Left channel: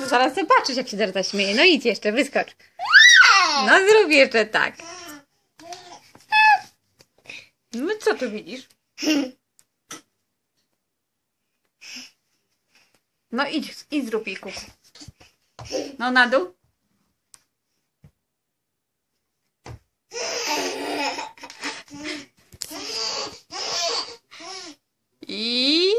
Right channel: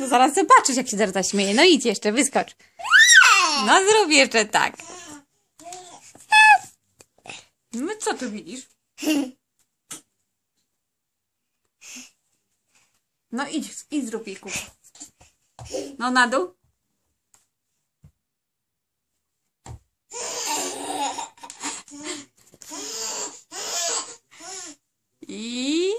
No zaraz zobaczysz, jak się Dorota śmieje. No idź jeszcze, wyskocz. No zrób jeszcze tak. No co tu widzisz? No idź zrób jej kuku. No na dół. I...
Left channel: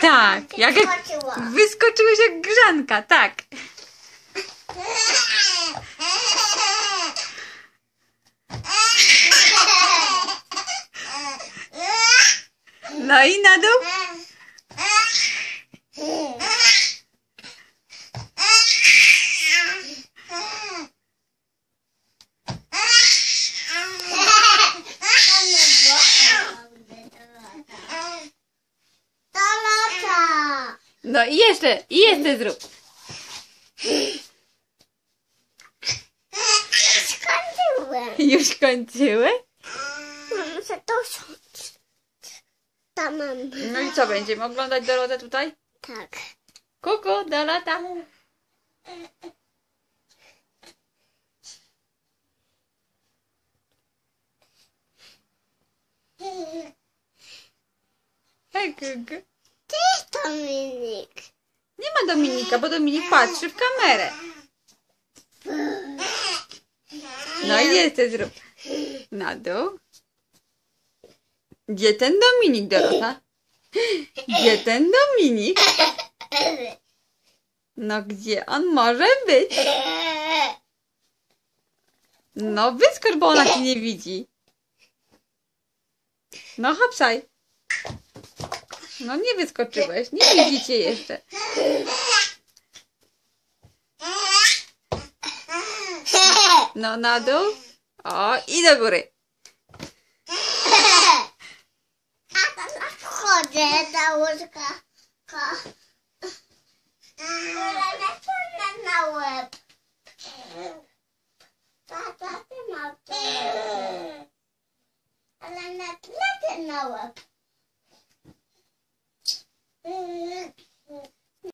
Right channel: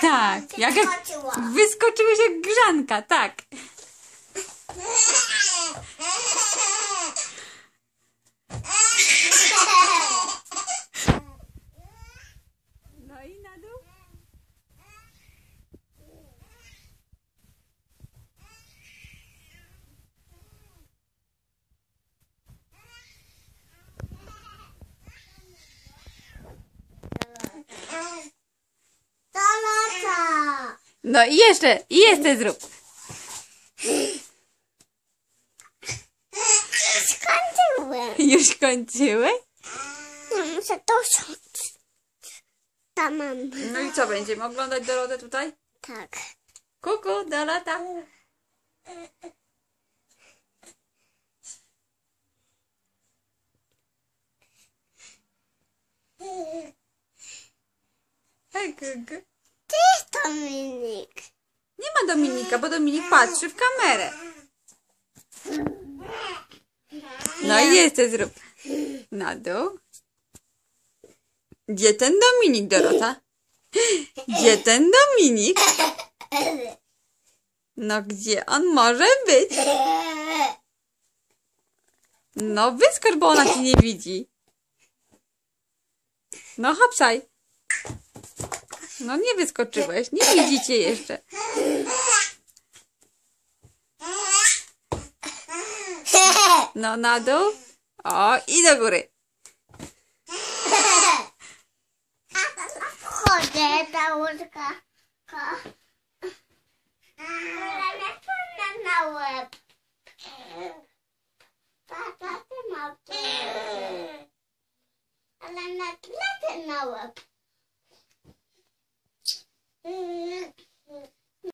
Tak, jak wyskoczyłeś jak grzanka, tak. No i na dół. No i jeszcze zrób. Skończyłem. Już kończyłeś? Muszę to wziąć. Tam mam. No i co, będziemy oglądać Dorotę tutaj? Tak. Kuku, Dorota. Hej, kuku. Ty Dominik. Nie ma Dominika, bo Dominik patrzy w kamerę. No i jeszcze zrób. Na dół. Gdzie ten Dominik, Dorota? Gdzie ten Dominik? No gdzie on może być? No wyskocz, bo ona cię nie widzi. No hopsaj. No nie wyskoczyłeś, nie widzicie jeszcze. No na dół. O, i do góry. Wchodzę do łóżka. Na łóżko.